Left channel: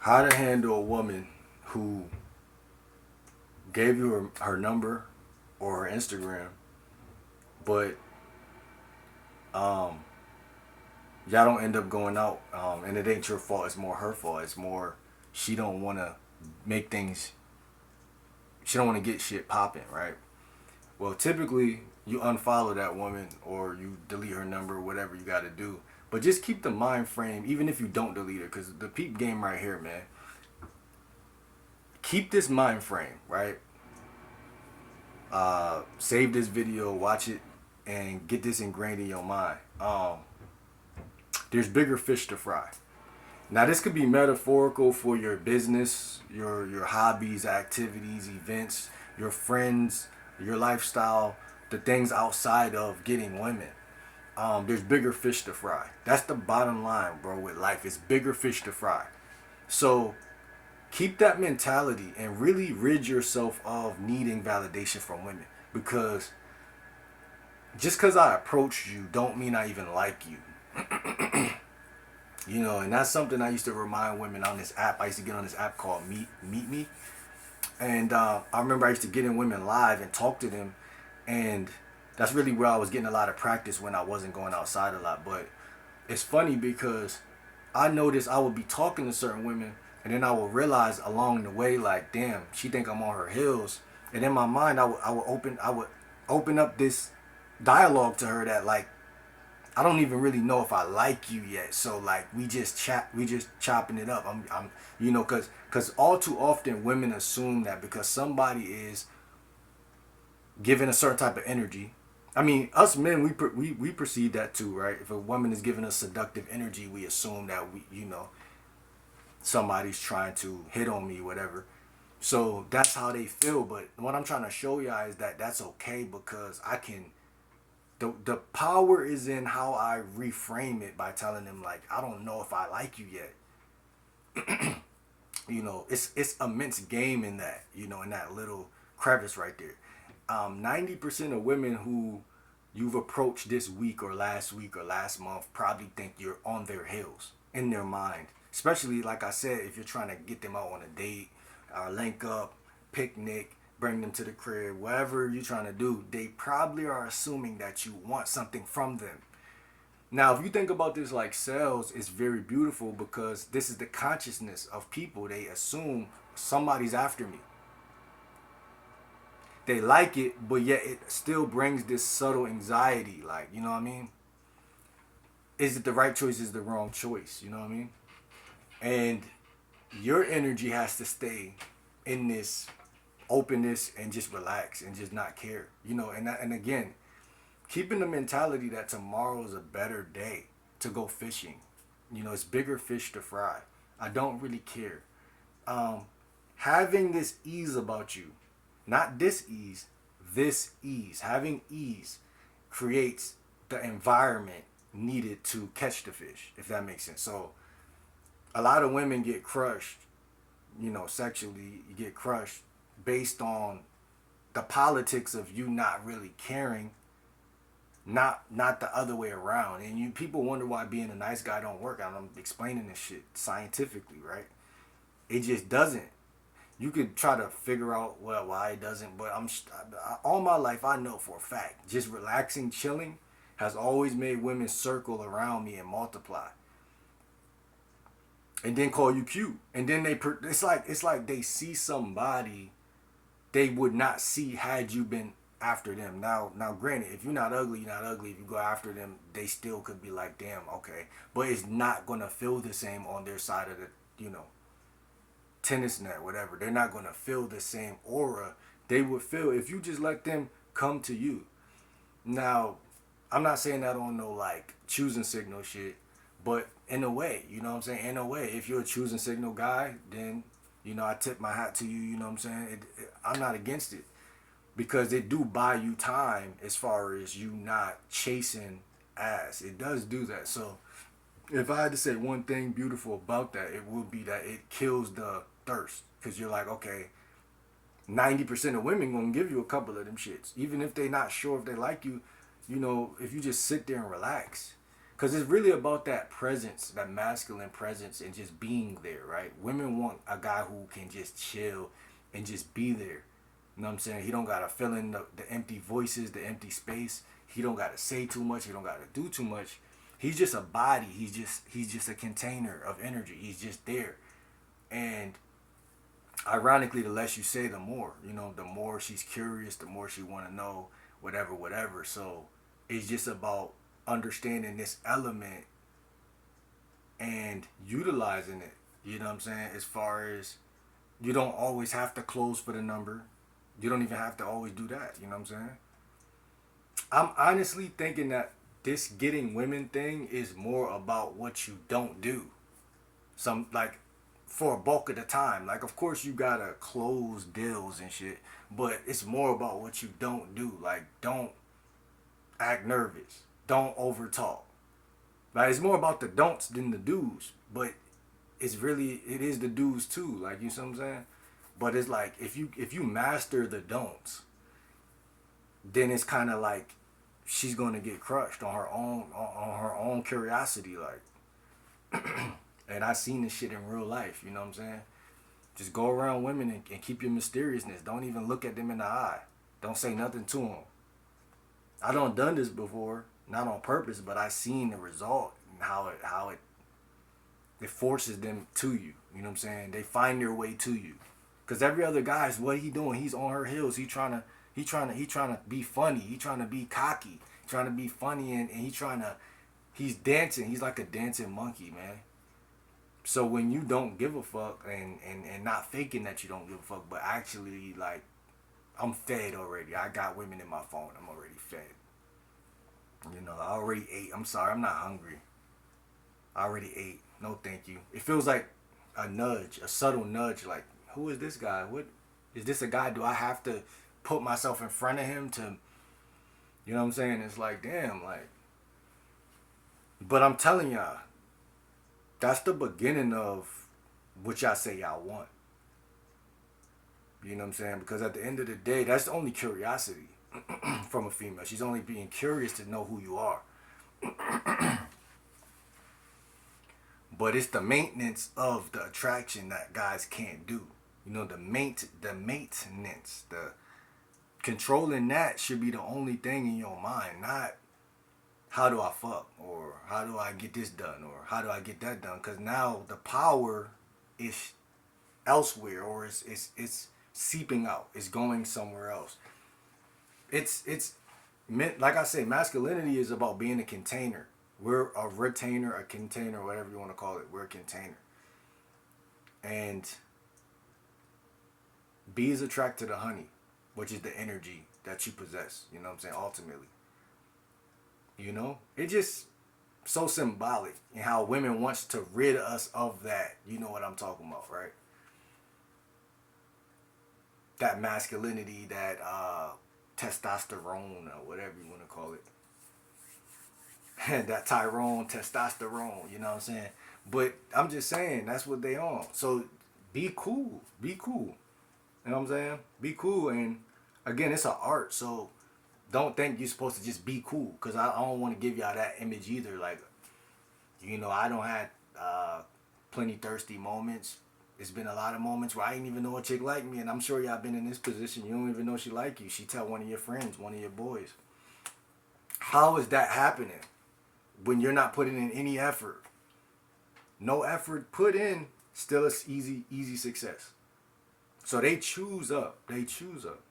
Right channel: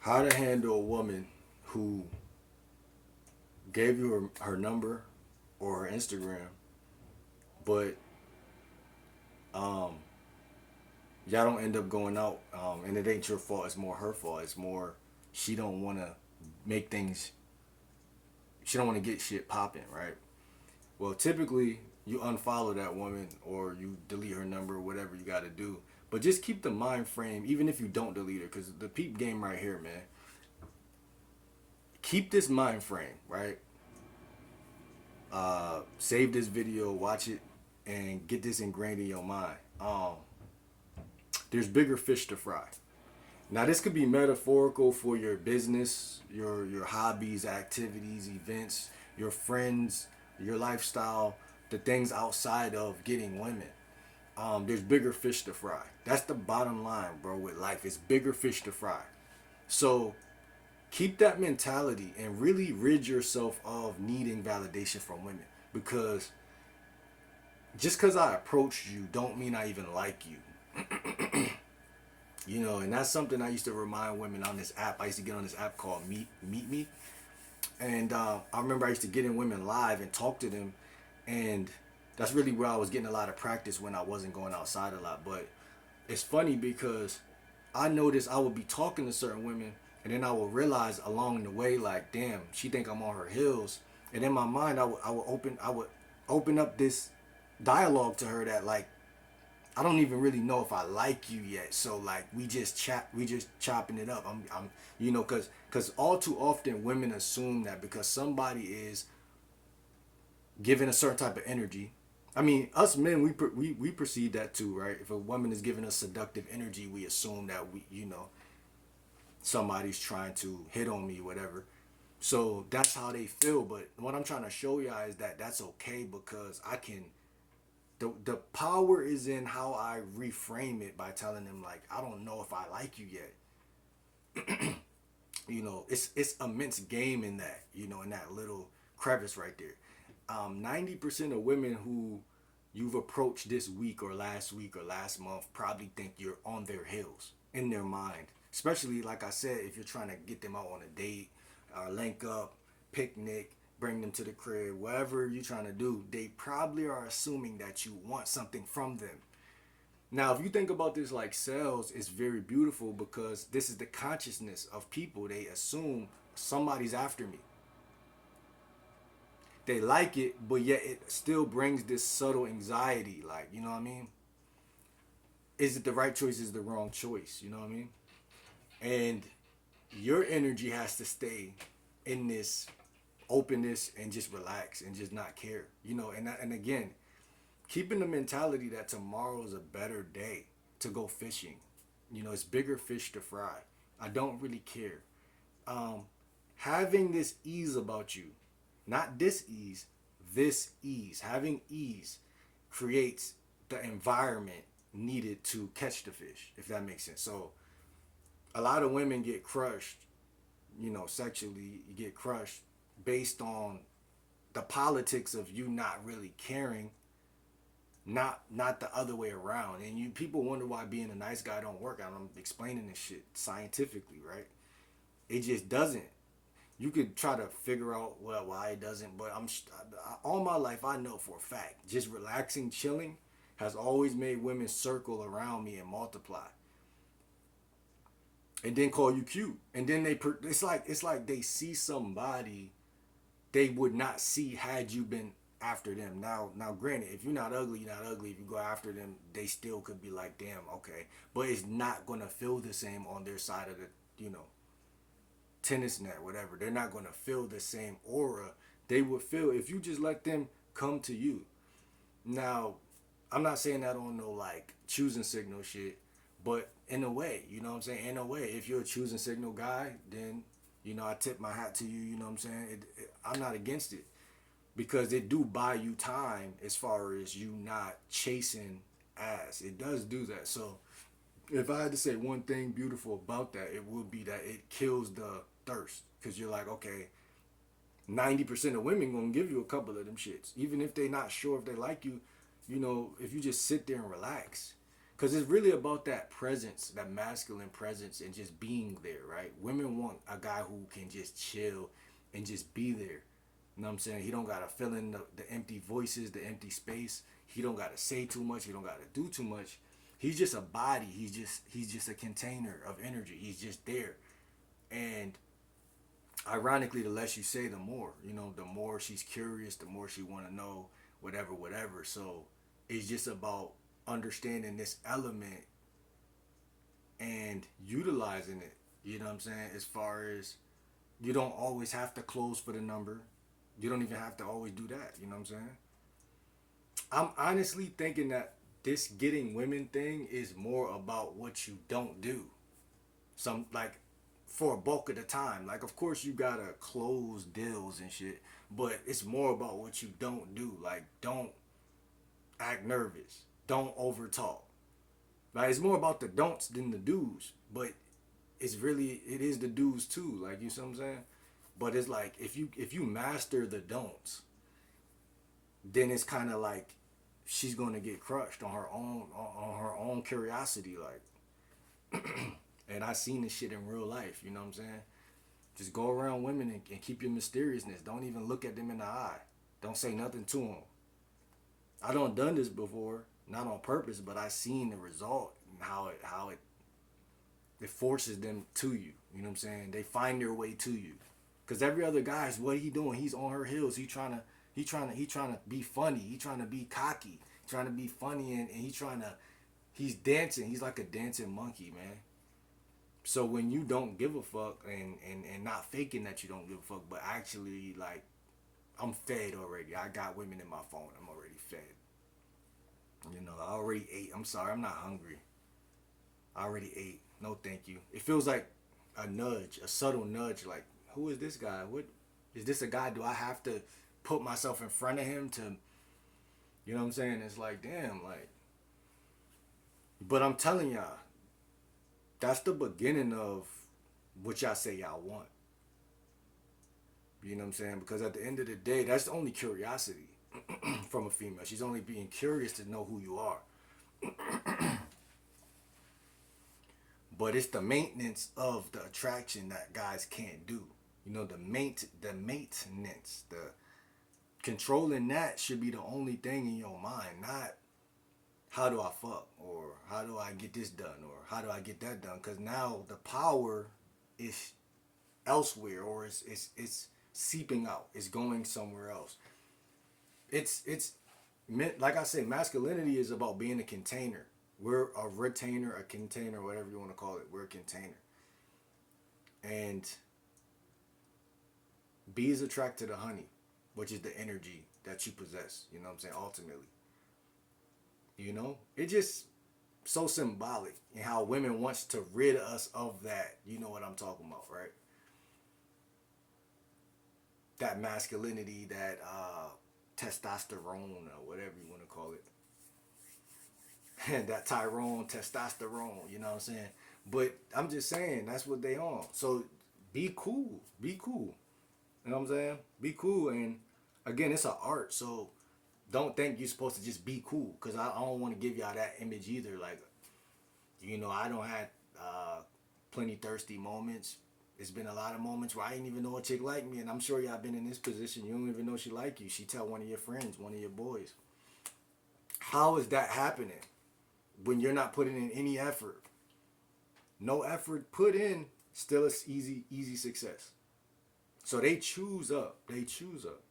How to handle a woman who gave you her number or her Instagram, but um, y'all don't end up going out, and it ain't your fault. It's more her fault. It's more she don't want to make things. She don't want to get shit popping, right? Well, typically you unfollow that woman or you delete her number, whatever you got to do. But just keep the mind frame, even if you don't delete her, because the peep game right here, man. Keep this mind frame, right? Save this video, watch it, and get this ingrained in your mind. There's bigger fish to fry. Now, this could be metaphorical for your business, your hobbies, activities, events, your friends, your lifestyle, the things outside of getting women. There's bigger fish to fry. That's the bottom line, bro. With life, it's bigger fish to fry. So keep that mentality and really rid yourself of needing validation from women, because just because I approached you don't mean I even like you. You know, and that's something I used to remind women on this app. I used to get on this app called Meet Me, and I remember I used to get in women live and talk to them, and that's really where I was getting a lot of practice when I wasn't going outside a lot. But it's funny because I noticed I would be talking to certain women, and then I would realize along the way, like, damn, she think I'm on her heels, and in my mind, I would open up this dialogue to her that, like, I don't even really know if I like you yet. So like we just chopping it up. I'm you know, cause all too often women assume that because somebody is giving a certain type of energy. I mean, us men, we perceive that too, right? If a woman is giving us seductive energy, we assume that somebody's trying to hit on me, whatever. So that's how they feel. But what I'm trying to show y'all is that that's okay, because I can. The power is in how I reframe it by telling them, like, I don't know if I like you yet. It's immense game in that, in that little crevice right there. 90% of women who you've approached this week or last month probably think you're on their heels in their mind. Especially, like I said, if you're trying to get them out on a date, link up, picnic, bring them to the crib, whatever you're trying to do, they probably are assuming that you want something from them. Now, if you think about this like sales, it's very beautiful because this is the consciousness of people. They assume somebody's after me. They like it, but yet it still brings this subtle anxiety. Like, you know what I mean? Is it the right choice? Is the wrong choice? You know what I mean? And your energy has to stay in this openness and just relax and just not care. And again, keeping the mentality that tomorrow is a better day to go fishing. It's bigger fish to fry. I don't really care. Um, Having this ease about you, not dis-ease, this ease. Having ease creates the environment needed to catch the fish, if that makes sense. So a lot of women get crushed, sexually, you get crushed based on the politics of you not really caring, not the other way around. And you people wonder why being a nice guy don't work. I'm explaining this shit scientifically, right? It just doesn't. You could try to figure out why it doesn't, but all my life I know for a fact, just relaxing, chilling has always made women circle around me and multiply, and then call you cute, and then it's like they see somebody they would not see had you been after them. Now, granted, if you're not ugly, you're not ugly. If you go after them, they still could be like, damn, okay, but it's not gonna feel the same on their side of the, tennis net, whatever. They're not gonna feel the same aura they would feel if you just let them come to you. Now, I'm not saying that on no like choosing signal shit, but in a way, you know what I'm saying? In a way, if you're a choosing signal guy, then I tip my hat to you. You know what I'm saying? I'm not against it because it do buy you time as far as you not chasing ass. It does do that. So if I had to say one thing beautiful about that, it would be that it kills the thirst, because you're like, okay, 90% of women gonna give you a couple of them shits, even if they not sure if they like you. If you just sit there and relax, Because it's really about that presence, that masculine presence, and just being there, right? Women want a guy who can just chill and just be there. You know what I'm saying? He don't gotta fill in the empty voices, the empty space. He don't gotta say too much. He don't gotta do too much. He's just a body. He's just a container of energy. He's just there. And ironically, the less you say, the more. You know, the more she's curious, the more she want to know, whatever, whatever. So it's just about understanding this element and utilizing it. You know what I'm saying? As far as you don't always have to close for the number. You don't even have to always do that. You know what I'm saying? I'm honestly thinking that this getting women thing is more about what you don't do. Some like for a bulk of the time. Like of course you gotta close deals and shit, but it's more about what you don't do. Like don't act nervous. Don't overtalk. Like it's more about the don'ts than the do's. But it is the do's too. Like you see what I'm saying? But it's like if you master the don'ts, then it's kind of like she's gonna get crushed on her own curiosity. Like, and I seen this shit in real life. You know what I'm saying? Just go around women and keep your mysteriousness. Don't even look at them in the eye. Don't say nothing to them. I don't done this before, not on purpose, but I seen the result and how it forces them to you. You know what I'm saying? They find their way to you. Cause every other guy's what he doing? He's on her heels. He trying to be funny. He trying to be cocky. He trying to be funny and he's dancing. He's like a dancing monkey, man. So when you don't give a fuck and not faking that you don't give a fuck, but actually like I'm fed already. I got women in my phone. I'm already fed. You know, I already ate. I'm sorry, I'm not hungry. I already ate. No, thank you. It feels like a nudge, a subtle nudge. Like, who is this guy? What is this a guy? Do I have to put myself in front of him to, you know what I'm saying? It's like, damn, like. But I'm telling y'all, that's the beginning of what y'all say y'all want. You know what I'm saying? Because at the end of the day, that's only curiosity from a female. She's only being curious to know who you are. But it's the maintenance of the attraction that guys can't do. You know, the maintenance, the controlling that should be the only thing in your mind, not how do I fuck or how do I get this done or how do I get that done? Because now the power is elsewhere or it's seeping out. It's going somewhere else. It's like I say, masculinity is about being a container. We're a retainer, a container, whatever you want to call it. We're a container. And bees attract to the honey, which is the energy that you possess. You know what I'm saying? Ultimately. You know? It just so symbolic in how women wants to rid us of that. You know what I'm talking about, right? That masculinity, that testosterone or whatever you want to call it. That Tyrone testosterone, you know what I'm saying? But I'm just saying that's what they on. So be cool. Be cool. You know what I'm saying? Be cool. And again, it's an art. So don't think you're supposed to just be cool. Because I don't want to give y'all that image either. Like, you know, I don't have plenty thirsty moments. It's been a lot of moments where I didn't even know a chick like me. And I'm sure y'all been in this position. You don't even know she like you. She tell one of your friends, one of your boys. How is that happening? When you're not putting in any effort. No effort put in, still it's easy success. So they choose up. They choose up.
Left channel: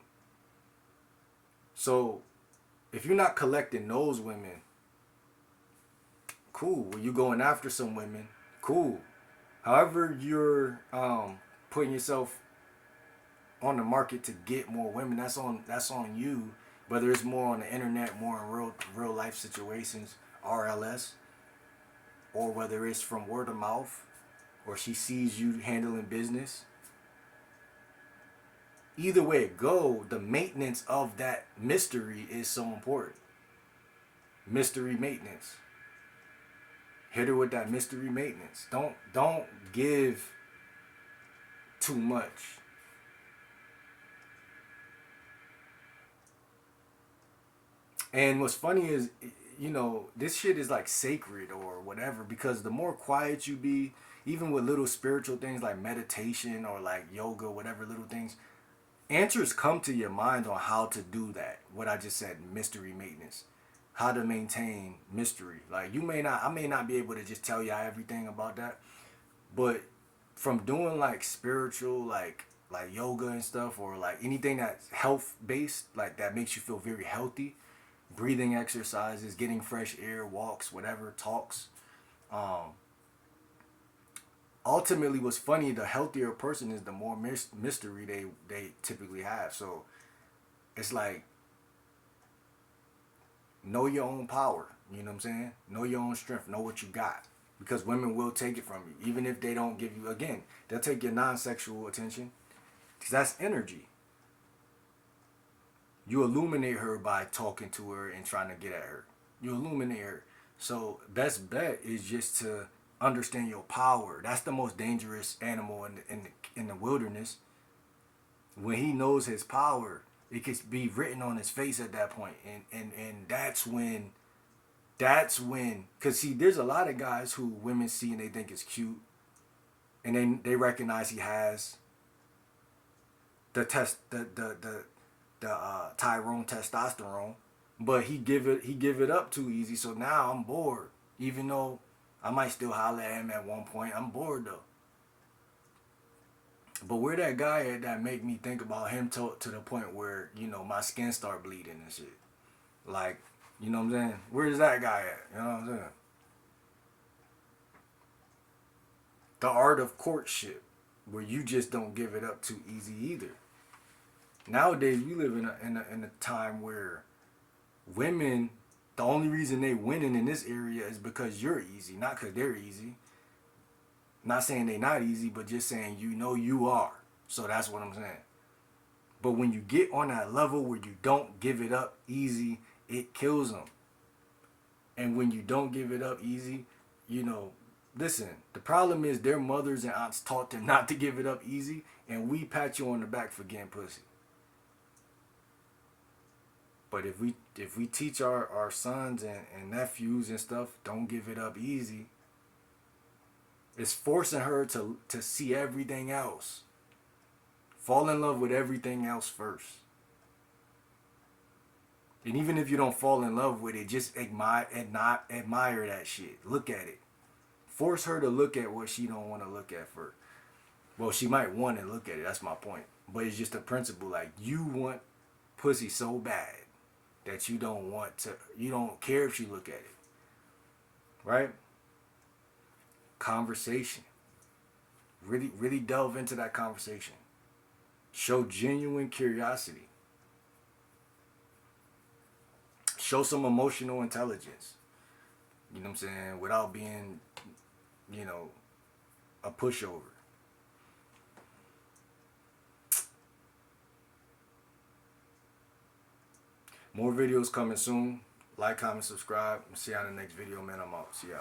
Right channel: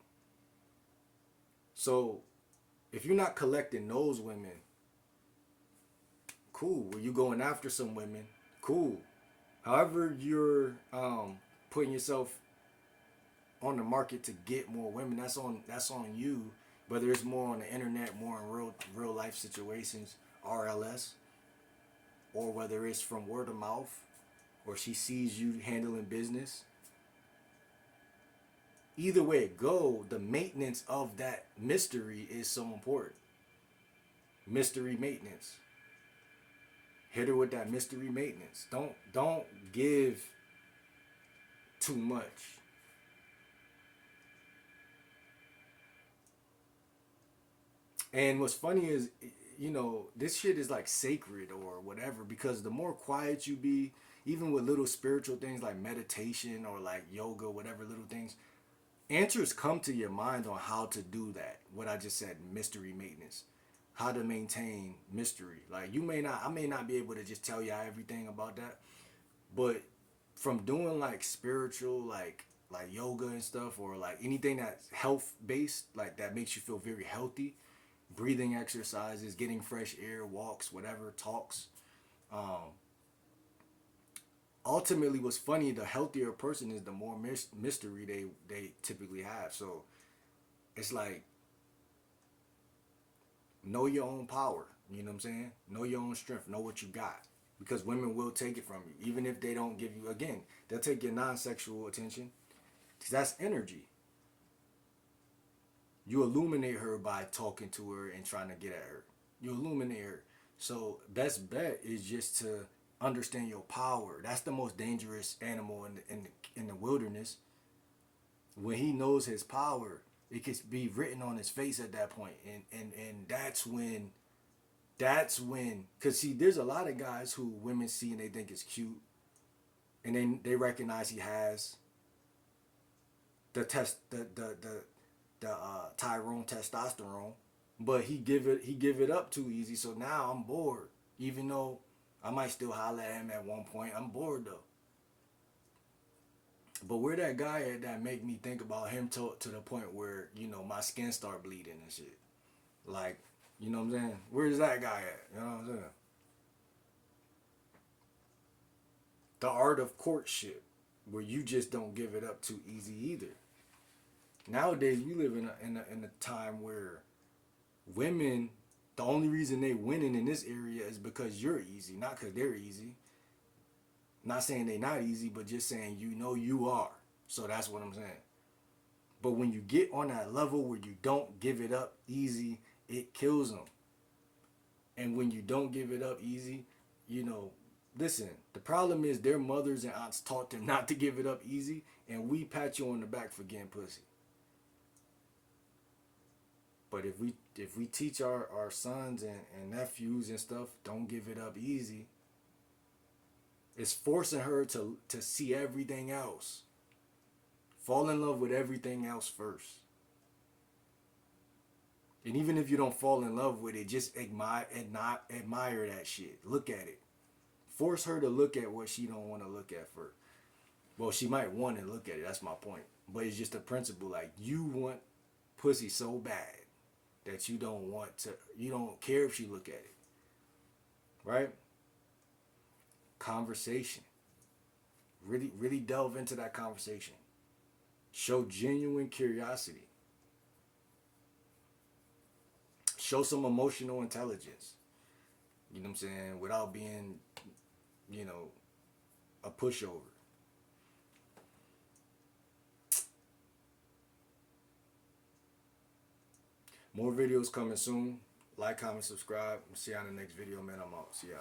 So if you're not collecting those women, cool. When you going after some women, cool. However you're putting yourself on the market to get more women, that's on you. Whether it's more on the internet, more in real life situations, RLS, or whether it's from word of mouth, or she sees you handling business. Either way it go, the maintenance of that mystery is so important. Mystery maintenance. Hit her with that mystery maintenance. Don't give too much. And what's funny is, you know, this shit is like sacred or whatever, because the more quiet you be, even with little spiritual things like meditation or like yoga, whatever little things, answers come to your mind on how to do that. What I just said, mystery maintenance, how to maintain mystery. Like I may not be able to just tell y'all everything about that, but from doing like spiritual, like yoga and stuff, or like anything that's health based, like that makes you feel very healthy, breathing exercises, getting fresh air, walks, whatever, talks. Um, Ultimately, what's funny, the healthier a person is, the more mystery they typically have. So it's like, know your own power. You know what I'm saying? Know your own strength. Know what you got. Because women will take it from you. Even if they don't give you, again, they'll take your non-sexual attention. Because that's energy. You illuminate her by talking to her and trying to get at her. You illuminate her. So best bet is just to understand your power. That's the most dangerous animal in the wilderness. When he knows his power, it can be written on his face at that point. And that's when, because see, there's a lot of guys who women see and they think is cute, and then they recognize he has the Tyrone testosterone, but he give it up too easy. So now I'm bored, even though I might still holler at him at one point. I'm bored though. But where that guy at that make me think about him to the point where, you know, my skin start bleeding and shit. Like, you know what I'm saying? Where's that guy at? You know what I'm saying? The art of courtship, where you just don't give it up too easy either. Nowadays, we live in a time where women, the only reason they winning in this area is because you're easy, not because they're easy. Not saying they not easy, but just saying, you know, you are. So that's what I'm saying. But when you get on that level where you don't give it up easy, it kills them. And when you don't give it up easy, you know, listen, the problem is their mothers and aunts taught them not to give it up easy, and we pat you on the back for getting pussy. But if we teach our sons and nephews and stuff, don't give it up easy, it's forcing her to see everything else. Fall in love with everything else first. And even if you don't fall in love with it, just admire that shit. Look at it. Force her to look at what she don't want to look at first. Well, she might want to look at it. That's my point. But it's just a principle. Like, you want pussy so bad that you don't care if she look at it. Right? Conversation. Really, really delve into that conversation. Show genuine curiosity. Show some emotional intelligence. You know what I'm saying? Without being, you know, a pushover. More videos coming soon. Like, comment, subscribe. See y'all in the next video, man. I'm out. See y'all.